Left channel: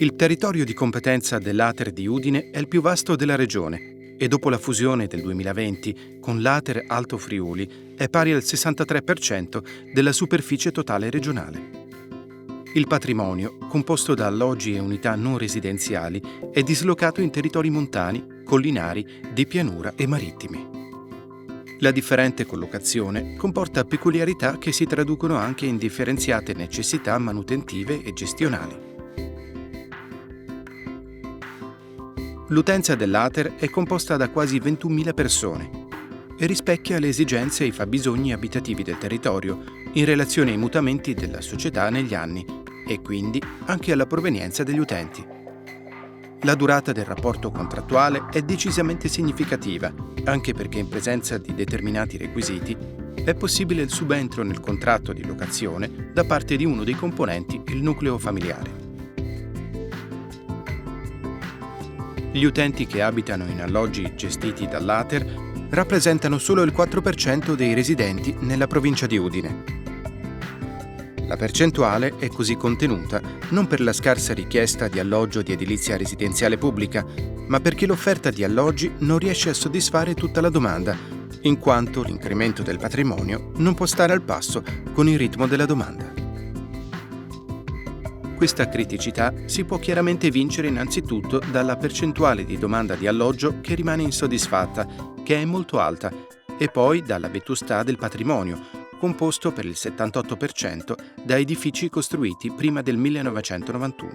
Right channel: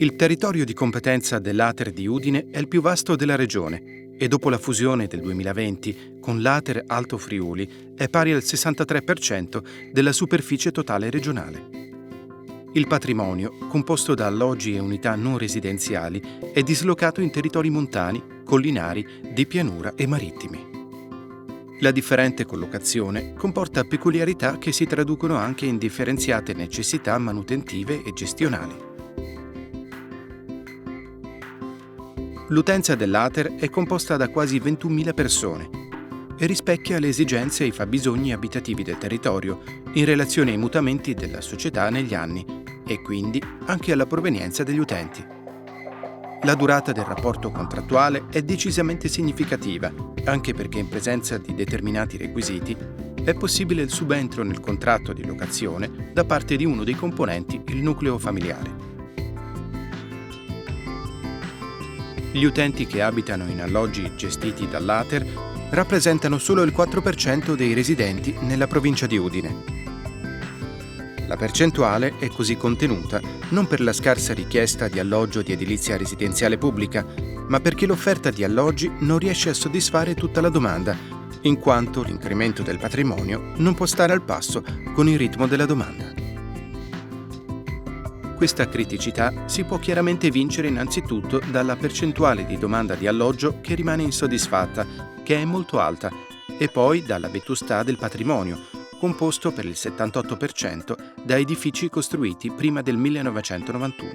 Il territorio di competenza dell'Ater di Udine è il più vasto della regione e dopo la fusione del 2020 con l'Ater Alto Friuli è pari al 63% della superficie totale regionale. Il patrimonio, composto da alloggi e unità non residenziali, è dislocato in territori montani, collinari, di pianura e marittimi. La differente collocazione comporta peculiarità che si traducono anche in differenziate necessità manutentive e gestionali. L'utenza dell'Ater è composta da quasi 21.000 persone e rispecchia le esigenze e i fabbisogni abitativi del territorio in relazione ai mutamenti della società negli anni e quindi anche alla provenienza degli utenti. La durata del rapporto contrattuale è decisamente significativa, anche perché in presenza di determinati requisiti è possibile il subentro nel contratto di locazione da parte di uno dei componenti il nucleo familiare. Gli utenti che abitano in alloggi gestiti dall'Ater rappresentano solo il 4% dei residenti nella provincia di Udine. La percentuale è così contenuta non per la scarsa richiesta di alloggio di edilizia residenziale pubblica, ma perché l'offerta di alloggi non riesce a soddisfare tutta la domanda, in quanto l'incremento del patrimonio non può stare al passo con il ritmo della domanda. Questa criticità si può chiaramente vincere innanzitutto dalla percentuale di domanda di alloggio che rimane insoddisfatta, che è molto alta, e poi dalla vetustà del patrimonio, composto per il 78% da edifici costruiti prima del 1991.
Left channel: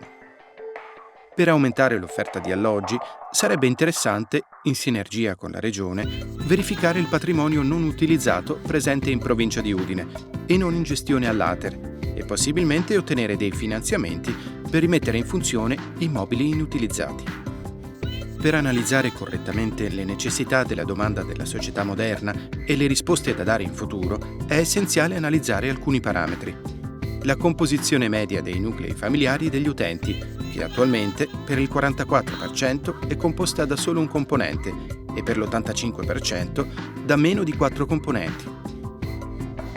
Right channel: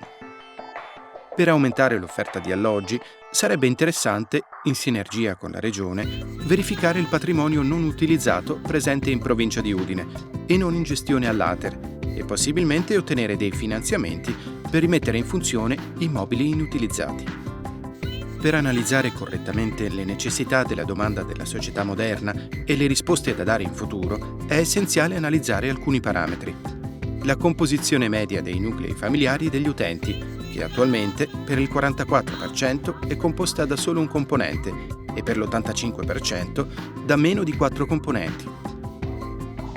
Per aumentare l'offerta di alloggi sarebbe interessante, in sinergia con la Regione, verificare il patrimonio non utilizzato presente in provincia di Udine e non in gestione all'Ater e possibilmente ottenere dei finanziamenti per rimettere in funzione immobili inutilizzati. Per analizzare correttamente le necessità della domanda della società moderna e le risposte da dare in futuro, è essenziale analizzare alcuni parametri. La composizione media dei nuclei familiari degli utenti, che attualmente per il 44% è composta da solo un componente e per l'85% da meno di 4 componenti.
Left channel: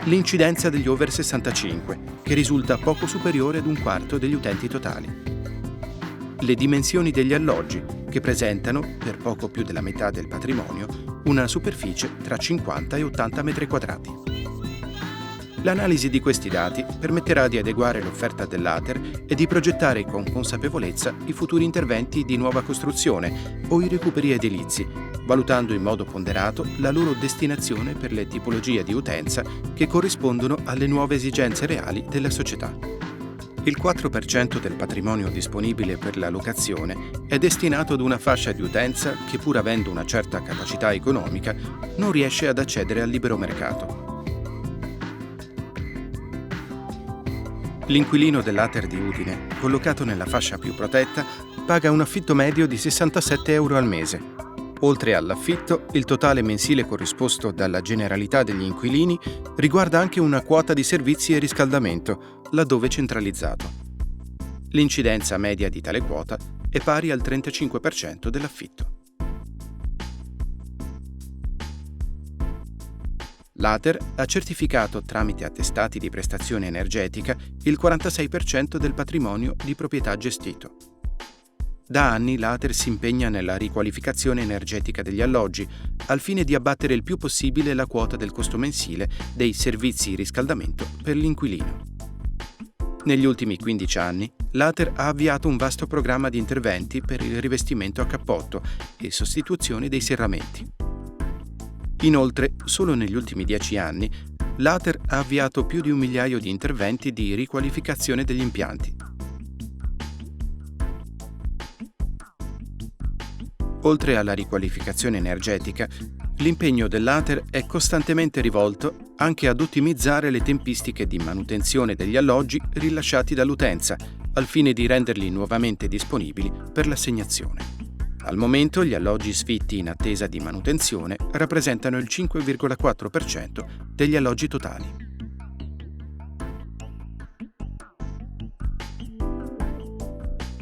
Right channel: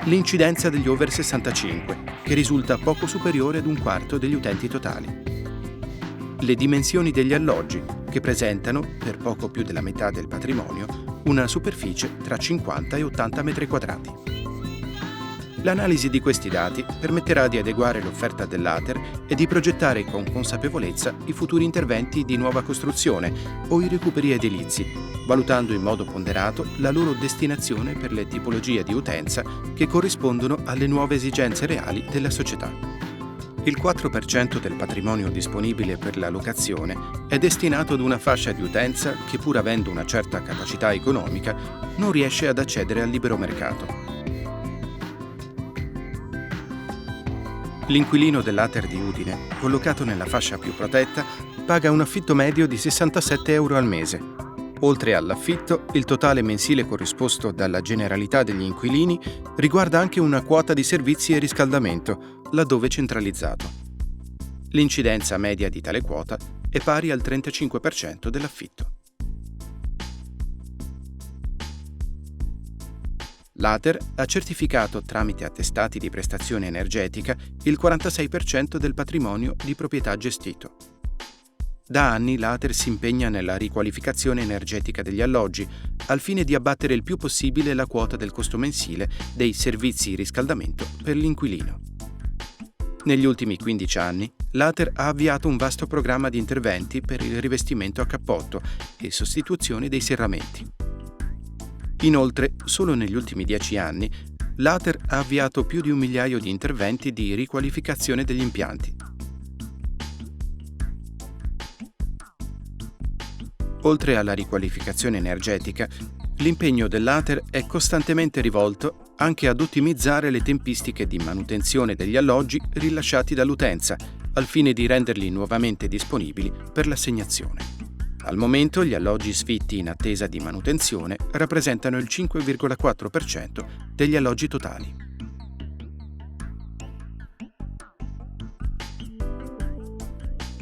L'incidenza degli over 65, che risulta poco superiore ad un quarto degli utenti totali. Le dimensioni degli alloggi, che presentano, per poco più della metà del patrimonio, una superficie tra 50 e 80 metri quadrati. L'analisi di questi dati permetterà di adeguare l'offerta dell'Ater e di progettare con consapevolezza i futuri interventi di nuova costruzione o i recuperi edilizi, valutando in modo ponderato la loro destinazione per le tipologie di utenza che corrispondono alle nuove esigenze reali della società. Il 4% del patrimonio disponibile per la locazione è destinato ad una fascia di utenza che, pur avendo una certa capacità economica, non riesce ad accedere al libero mercato. L'inquilino dell'Ater di Udine, collocato nella fascia più protetta, paga un affitto medio di 67 euro al mese. Oltre all'affitto, il totale mensile corrisposto dalla generalità degli inquilini riguarda anche una quota di servizi e riscaldamento, laddove centralizzato. L'incidenza media di tale quota è pari al 35% dell'affitto. L'Ater ha certificato tramite attestati di prestazione energetica il 46% del patrimonio di proprietà gestito. Da anni l'Ater si impegna nella riqualificazione energetica degli alloggi, al fine di abbattere il più possibile la quota del costo mensile dei servizi di riscaldamento per l'inquilino. Negli ultimi 15 anni, l'Ater ha avviato un vasto programma di interventi per il rivestimento a cappotto e sostituzione dei serramenti. Inoltre, solo negli ultimi 10 anni, l'Ater ha avviato più di 1 migliaio di interventi di riqualificazione degli impianti. Oltre alla riqualificazione energetica, l'impegno dell'Ater è costantemente rivolto anche ad ottimizzare le tempistiche di manutenzione degli alloggi rilasciati dall'utenza, al fine di renderli nuovamente disponibili per l'assegnazione. Al momento gli alloggi sfitti in attesa di manutenzione rappresentano il 5,4% degli alloggi totali.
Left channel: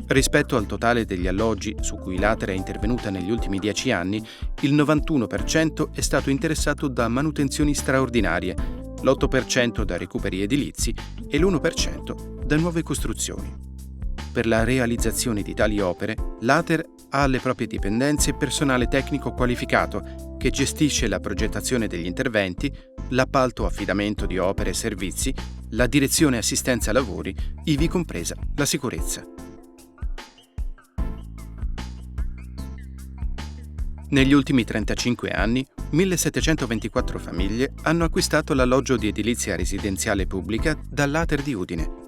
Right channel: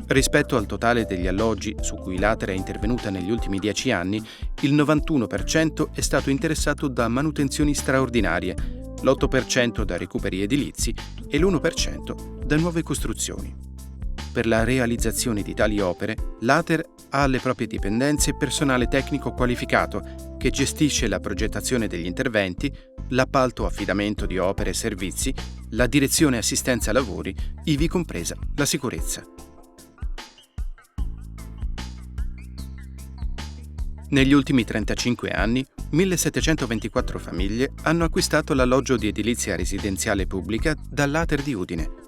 Rispetto al totale degli alloggi su cui l'Ater è intervenuta negli ultimi 10 anni, il 91% è stato interessato da manutenzioni straordinarie, l'8% da recuperi edilizi e l'1% da nuove costruzioni. Per la realizzazione di tali opere, l'Ater ha alle proprie dipendenze personale tecnico qualificato che gestisce la progettazione degli interventi, l'appalto affidamento di opere e servizi, la direzione e assistenza lavori, ivi compresa la sicurezza. Negli ultimi 35 anni, 1724 famiglie hanno acquistato l'alloggio di edilizia residenziale pubblica dall'Ater di Udine.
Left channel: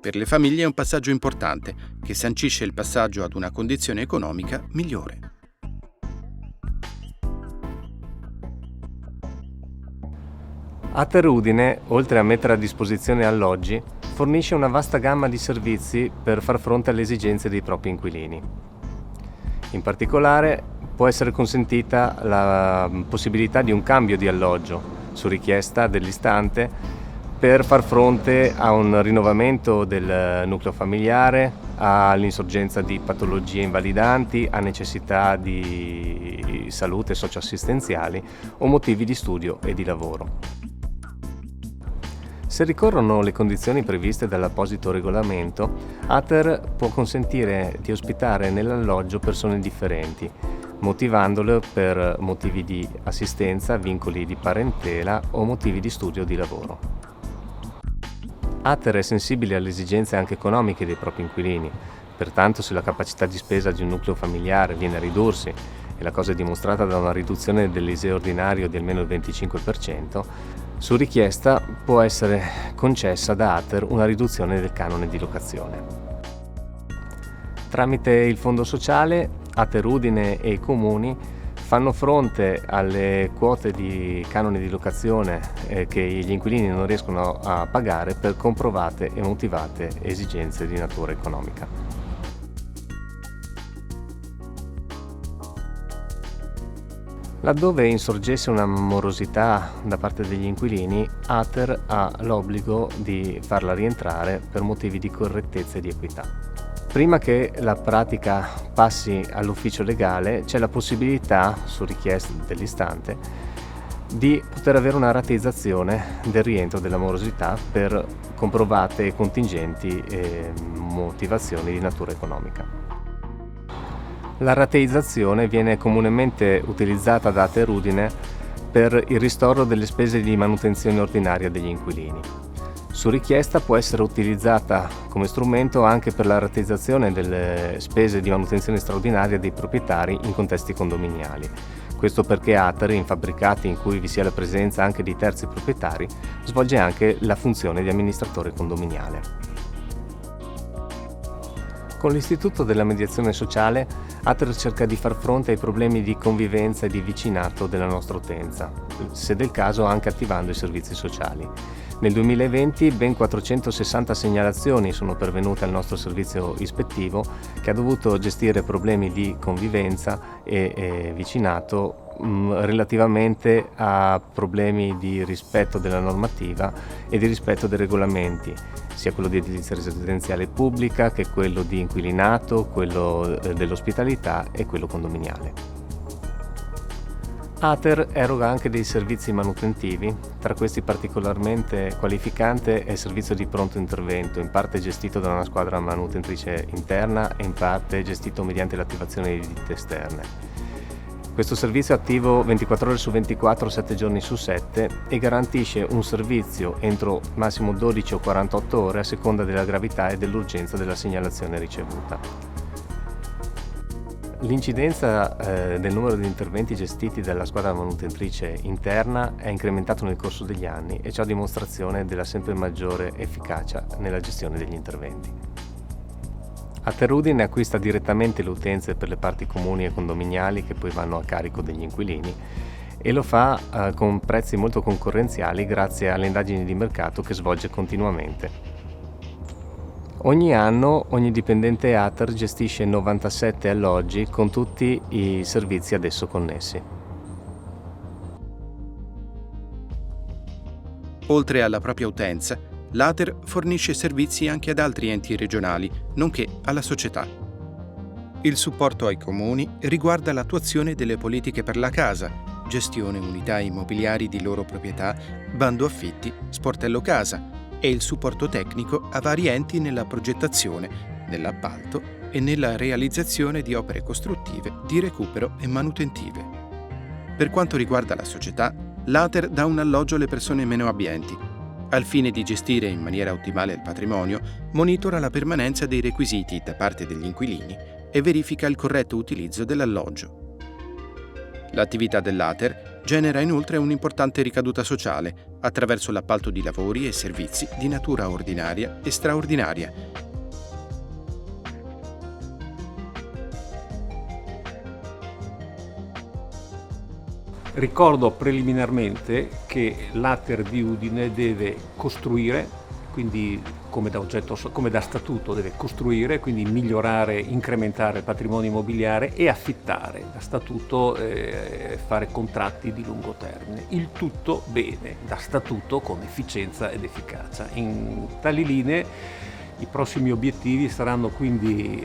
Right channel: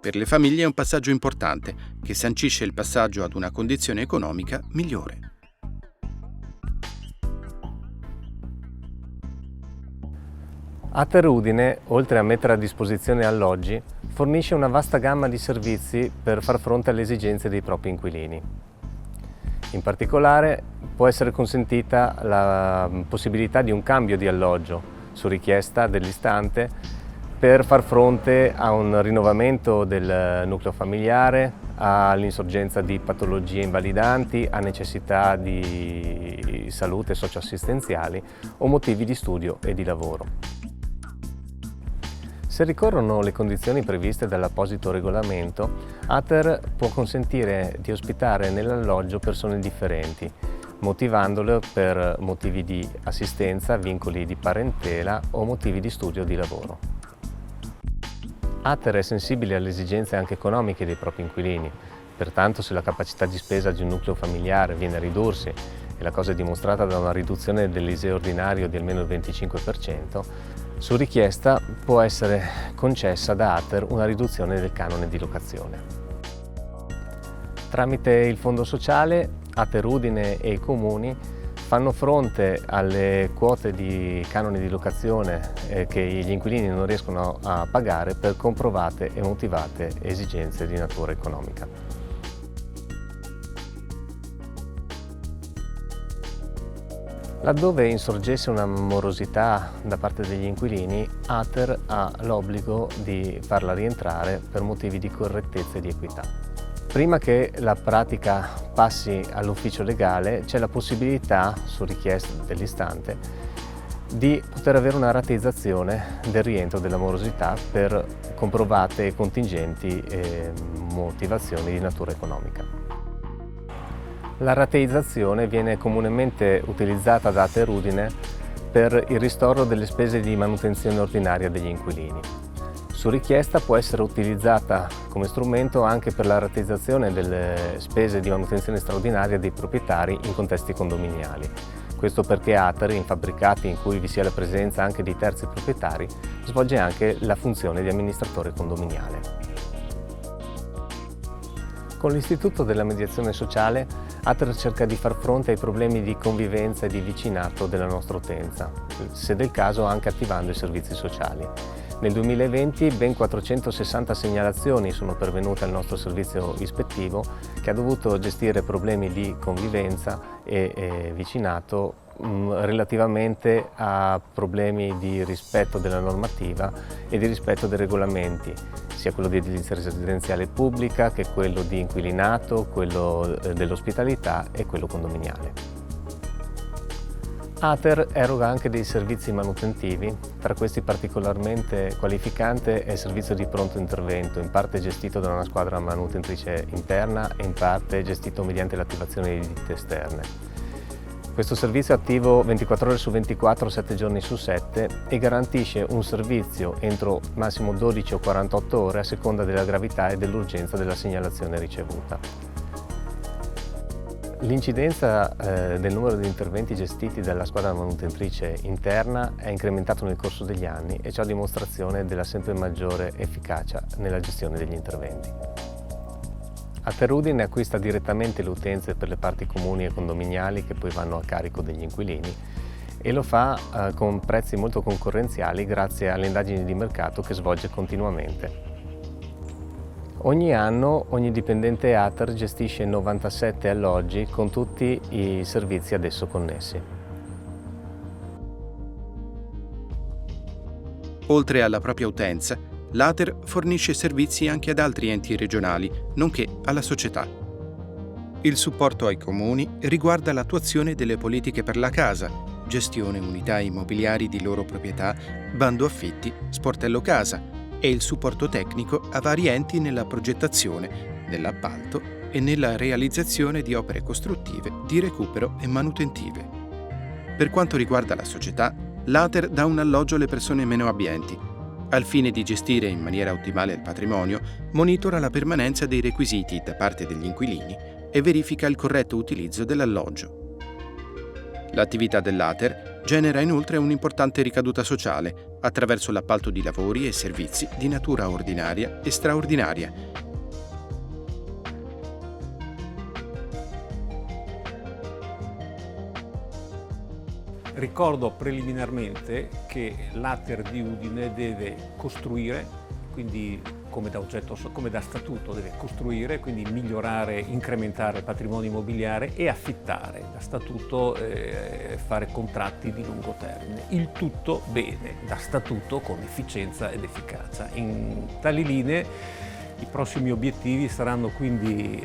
Per le famiglie è un passaggio importante, che sancisce il passaggio ad una condizione economica migliore. Ater Udine, oltre a mettere a disposizione alloggi, fornisce una vasta gamma di servizi per far fronte alle esigenze dei propri inquilini. In particolare, può essere consentita la possibilità di un cambio di alloggio su richiesta dell'istante per far fronte a un rinnovamento del nucleo familiare, all'insorgenza di patologie invalidanti, a necessità di salute socioassistenziali o motivi di studio e di lavoro. Se ricorrono le condizioni previste dall'apposito regolamento, Ater può consentire di ospitare nell'alloggio persone differenti, motivandole per motivi di assistenza, vincoli di parentela o motivi di studio o di lavoro. Ater è sensibile alle esigenze anche economiche dei propri inquilini, pertanto se la capacità di spesa di un nucleo familiare viene a ridursi, e la cosa è dimostrata da una riduzione dell'ISEE ordinario di almeno il 25%, su richiesta può essere concessa da Ater una riduzione del canone di locazione. Tramite il Fondo Sociale, Ater Udine e i comuni fanno fronte alle quote di canoni di locazione che gli inquilini non riescono a pagare per comprovate e motivate esigenze di natura economica. Laddove insorgesse una morosità da parte degli inquilini, Ater ha l'obbligo di farla rientrare per motivi di correttezza e di equità. Prima che la pratica passi all'ufficio legale, c'è la possibilità, su richiesta dell'istante, di poter avere una rateizzazione del rientro della morosità per comprovate e contingenti motivazioni di natura economica. La rateizzazione viene comunemente utilizzata da Ater Udine per il ristoro delle spese di manutenzione ordinaria degli inquilini. Su richiesta può essere utilizzata come strumento anche per la rateizzazione delle spese di manutenzione straordinaria dei proprietari in contesti condominiali. Questo perché Ater, in fabbricati in cui vi sia la presenza anche di terzi proprietari, svolge anche la funzione di amministratore condominiale. Con l'istituto della mediazione sociale, Ater cerca di far fronte ai problemi di convivenza e di vicinato della nostra utenza, se del caso anche attivando i servizi sociali. Nel 2020 ben 460 segnalazioni sono pervenute al nostro servizio ispettivo, che ha dovuto gestire problemi di convivenza e vicinato relativamente a problemi di rispetto della normativa e di rispetto dei regolamenti, sia quello di edilizia residenziale pubblica che quello di inquilinato, quello dell'ospitalità e quello condominiale. Ater eroga anche dei servizi manutentivi, tra questi particolarmente qualificante è il servizio di pronto intervento, in parte gestito da una squadra manutentrice interna e in parte gestito mediante l'attivazione di ditte esterne. Questo servizio è attivo 24 ore su 24, 7 giorni su 7 e garantisce un servizio entro massimo 12 o 48 ore a seconda della gravità e dell'urgenza della segnalazione ricevuta. L'incidenza del numero di interventi gestiti dalla squadra manutentrice interna è incrementato nel corso degli anni e ciò a dimostrazione della sempre maggiore efficacia nella gestione degli interventi. Ater Udine acquista direttamente le utenze per le parti comuni e condominiali che poi vanno a carico degli inquilini e lo fa con prezzi molto concorrenziali grazie alle indagini di mercato che svolge continuamente. Ogni anno ogni dipendente Ater gestisce 97 alloggi con tutti i servizi ad esso connessi. Oltre alla propria utenza, l'Ater fornisce servizi anche ad altri enti regionali, nonché alla società. Il supporto ai comuni riguarda l'attuazione delle politiche per la casa, gestione unità immobiliari di loro proprietà, bando affitti, sportello casa, e il supporto tecnico a vari enti nella progettazione, nell'appalto e nella realizzazione di opere costruttive, di recupero e manutentive. Per quanto riguarda la società, l'Ater dà un alloggio alle persone meno abbienti. Al fine di gestire in maniera ottimale il patrimonio, monitora la permanenza dei requisiti da parte degli inquilini e verifica il corretto utilizzo dell'alloggio. L'attività dell'Ater genera inoltre un'importante ricaduta sociale attraverso l'appalto di lavori e servizi di natura ordinaria e straordinaria. Ricordo preliminarmente che l'Ater di Udine deve costruire, quindi come da statuto deve costruire, quindi migliorare, incrementare il patrimonio immobiliare, e affittare, da statuto fare contratti di lungo termine. Il tutto bene, da statuto, con efficienza ed efficacia. In tali linee i prossimi obiettivi saranno quindi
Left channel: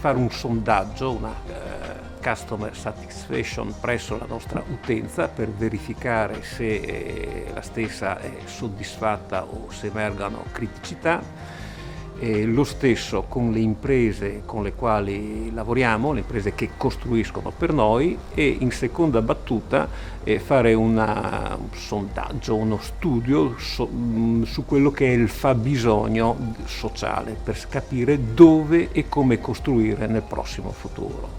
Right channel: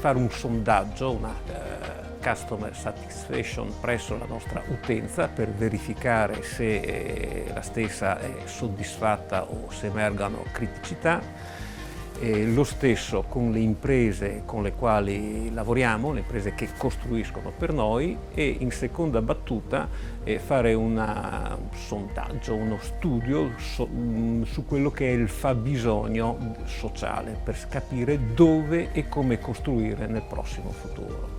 fare un sondaggio, una customer satisfaction presso la nostra utenza, per verificare se la stessa è soddisfatta o se emergano criticità. Lo stesso con le imprese con le quali lavoriamo, le imprese che costruiscono per noi, e in seconda battuta fare un sondaggio, uno studio su quello che è il fabbisogno sociale, per capire dove e come costruire nel prossimo futuro.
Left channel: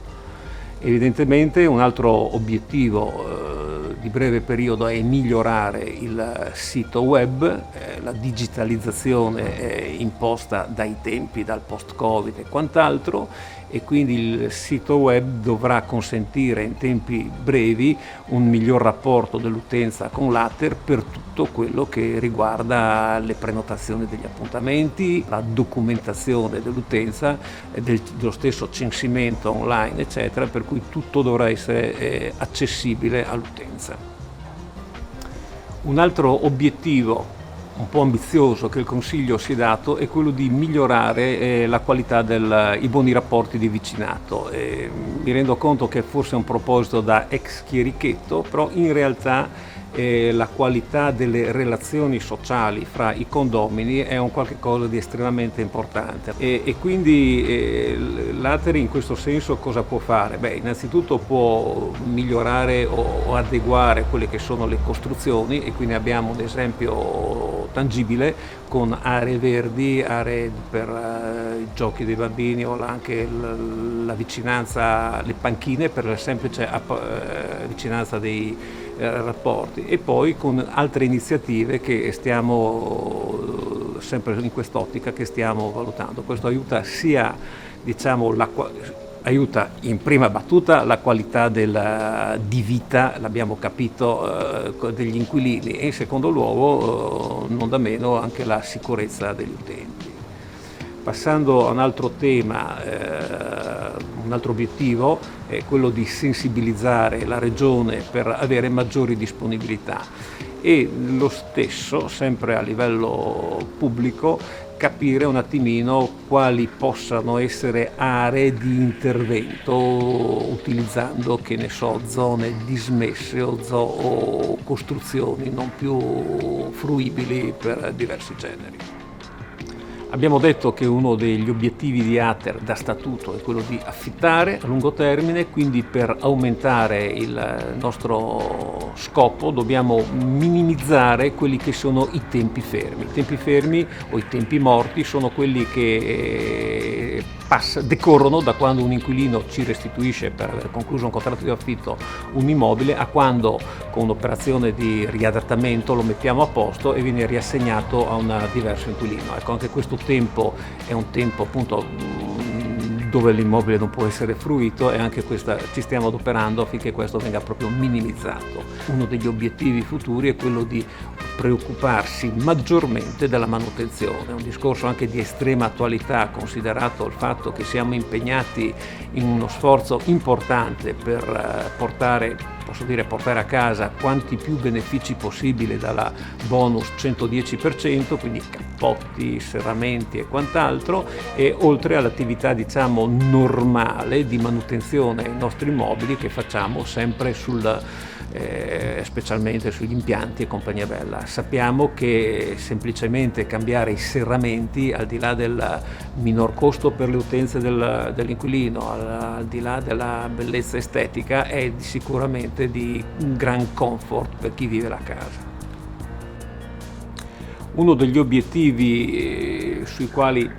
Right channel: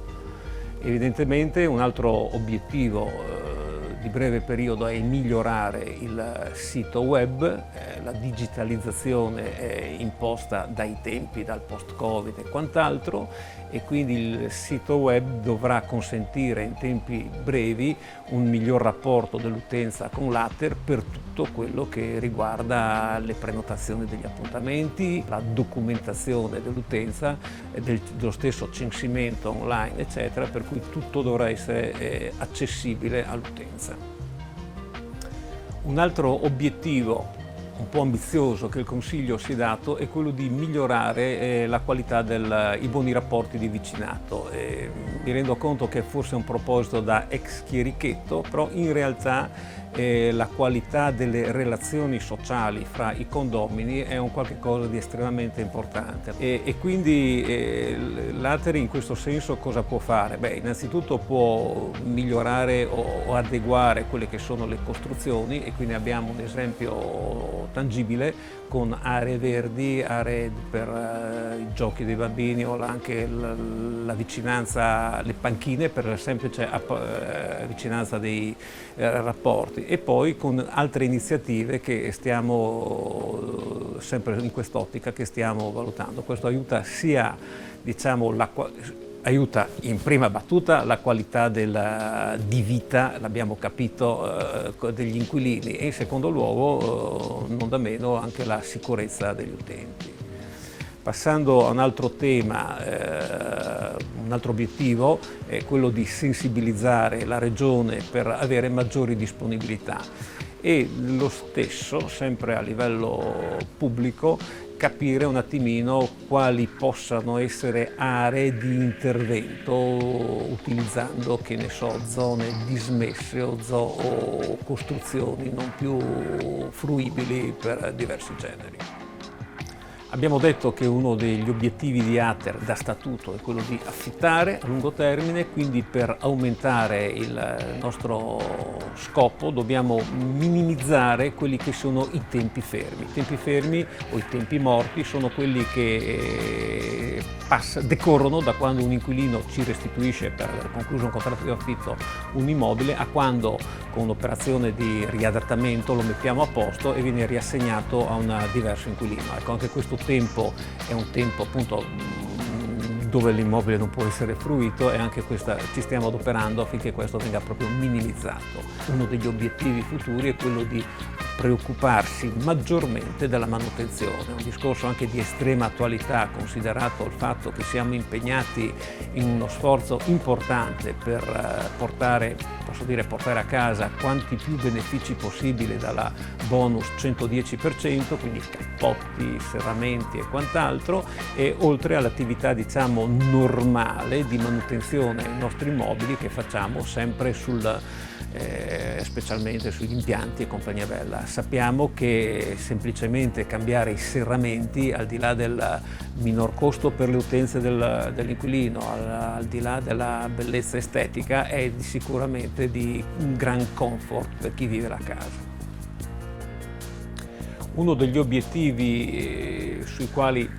Evidentemente un altro obiettivo di breve periodo è migliorare il sito web, la digitalizzazione imposta dai tempi, dal post-Covid e quant'altro, e quindi il sito web dovrà consentire in tempi brevi un miglior rapporto dell'utenza con l'Ater per tutto quello che riguarda le prenotazioni degli appuntamenti, la documentazione dell'utenza, dello stesso censimento online, eccetera, per cui tutto dovrà essere accessibile all'utenza. Un altro obiettivo un po' ambizioso che il Consiglio si è dato è quello di migliorare la qualità i buoni rapporti di vicinato. Mi rendo conto che forse è un proposito da ex chierichetto, però in realtà la qualità delle relazioni sociali fra i condomini è un qualche cosa di estremamente importante, e quindi l'Ater in questo senso cosa può fare? Innanzitutto può migliorare o adeguare quelle che sono le costruzioni, e quindi abbiamo un esempio tangibile con aree verdi, aree per i giochi dei bambini, o anche la vicinanza, le panchine, per la semplice vicinanza dei rapporti, e poi con altre iniziative che stiamo sempre in quest'ottica che stiamo valutando. Questo aiuta sia, aiuta in prima battuta la qualità di vita, l'abbiamo capito, degli inquilini, e in secondo luogo, non da meno, anche la sicurezza degli utenti. Passando a un altro tema, un altro obiettivo è quello di sensibilizzare la Regione per avere maggiori disponibilità, e lo stesso, sempre a livello pubblico, capire un attimino quali possano essere aree di intervento utilizzando, che ne so, zone dismesse o costruzioni non più fruibili per diversi generi. Abbiamo detto che uno degli obiettivi di Ater da statuto è quello di affittare a lungo termine, quindi per aumentare il nostro scopo dobbiamo minimizzare quelli che sono i tempi fermi. I tempi fermi o i tempi morti sono quelli che decorrono da quando un inquilino ci restituisce, per concluso un contratto di affitto, un immobile, a quando con un'operazione di riadattamento lo mettiamo a posto e viene riassegnato a un diverso inquilino. Ecco, anche questo tempo è un tempo appunto dove l'immobile non può essere fruito, e anche ci stiamo adoperando affinché questo venga proprio minimizzato. Uno degli obiettivi futuri è quello di preoccuparsi maggiormente della manutenzione, un discorso anche di estrema attualità, considerato il fatto che siamo impegnati in uno sforzo importante per portare, posso dire portare a casa quanti più benefici possibile dalla bonus 110%, quindi cappotti, serramenti e quant'altro, e oltre all'attività diciamo normale di manutenzione ai nostri mobili che facciamo sempre specialmente sugli impianti e compagnia bella. Sappiamo che semplicemente cambiare i serramenti, al di là del minor costo per le utenze dell'inquilino, al di là della bellezza estetica, è sicuramente di un gran comfort per chi vive la casa. Uno degli obiettivi sui quali,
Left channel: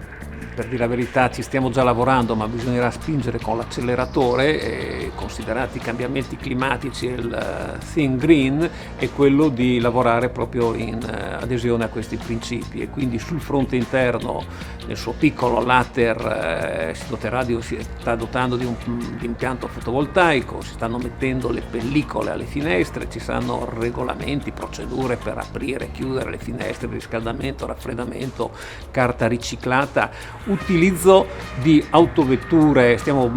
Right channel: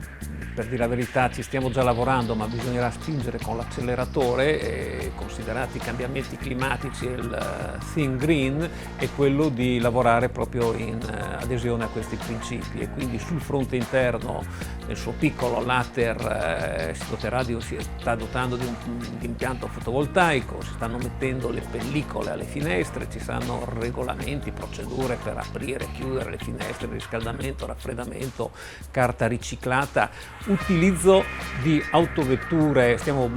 per dire la verità, ci stiamo già lavorando, ma bisognerà spingere con l'acceleratore, considerati i cambiamenti climatici e il Think Green, è quello di lavorare proprio in adesione a questi principi, e quindi sul fronte interno, nel suo piccolo, l'Ater si sta dotando di un impianto fotovoltaico, si stanno mettendo le pellicole alle finestre, ci saranno regolamenti, procedure per aprire e chiudere le finestre, riscaldamento, raffreddamento, carta riciclata, utilizzo di autovetture, stiamo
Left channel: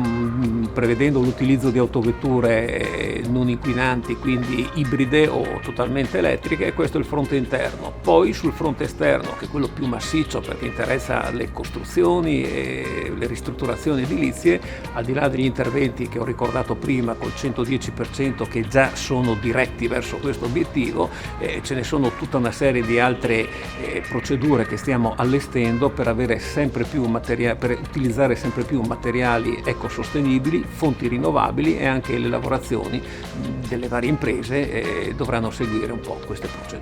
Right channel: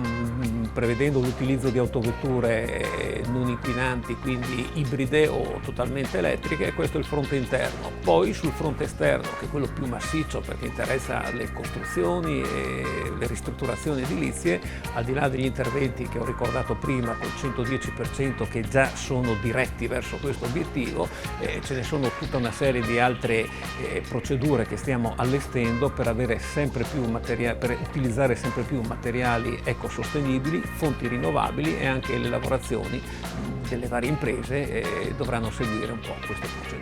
prevedendo l'utilizzo di autovetture non inquinanti, quindi ibride o totalmente elettriche, e questo è il fronte interno. Poi sul fronte esterno, che è quello più massiccio perché interessa le costruzioni e le ristrutturazioni edilizie, al di là degli interventi che ho ricordato prima col 110% che già sono diretti verso questo obiettivo, ce ne sono tutta una serie di altre procedure che stiamo allestendo per avere sempre più per utilizzare sempre più materiali ecosostenibili, fonti rinnovabili, e anche le lavorazioni delle varie imprese dovranno seguire un po' queste procedure.